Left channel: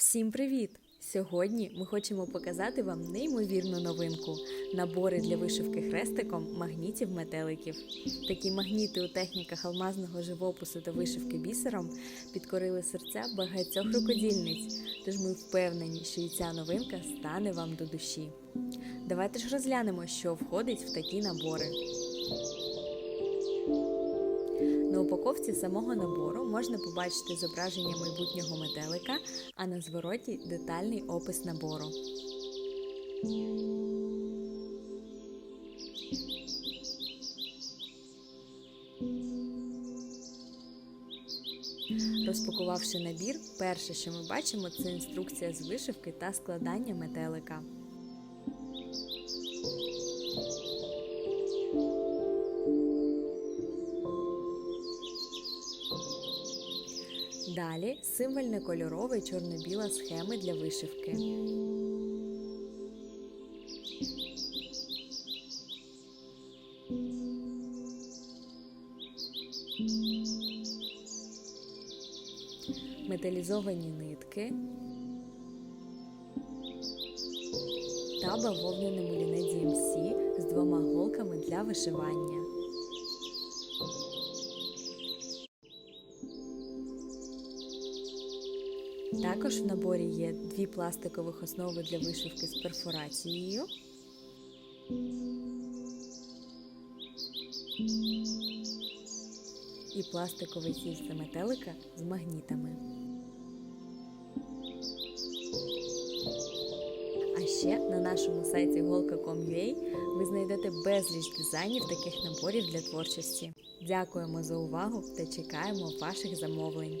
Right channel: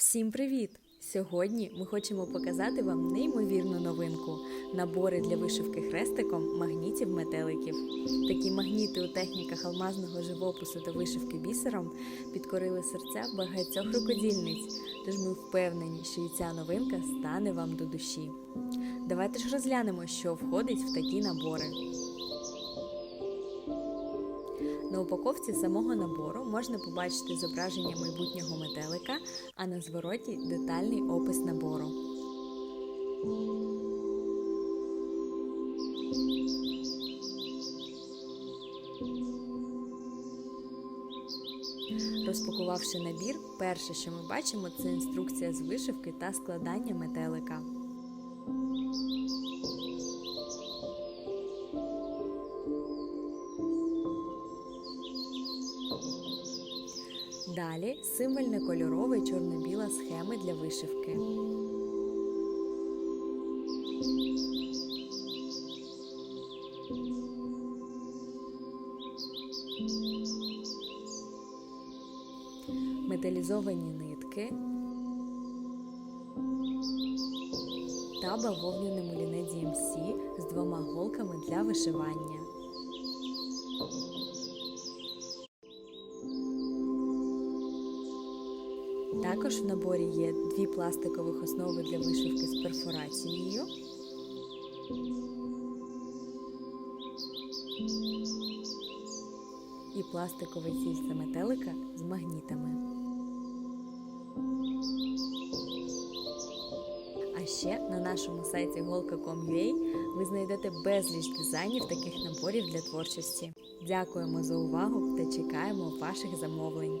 Всім привіт! Сьогодні ми хочемо показати вам неймовірну новинку набори для вишивки хрестиком магнітів метеликів. Такі магніти у техніках алмазного живопису та вишивки бісером підкорили серця багатьох рукодільниць, тож ми впевнені, що і ця новинка стане вам до душі. Давайте ж розглянемо, що входить в такі набори. На упаковці самого набору можна побачити зображення майбутнього метелика, а на звороті детальний опис набору. Розпакувавши набір, перше, що ми бачимо, це інструкція з вишивки та складання метелика. Далі символьне кольорове чорно-біла схеми для вишивки. Металізовані нитки та бавовняне муліне DMC з двома голками для вишивання. Також в наборі є дві пластикових основи для вишивки з перфорацією. І пластикове тільце метелика з магнітами. А ще на нашому сайті golka.com.ua ви знайдете безліч дизайнів таких наборів для творчості. Дякуємо за увагу та чекаємо ваших замовлень.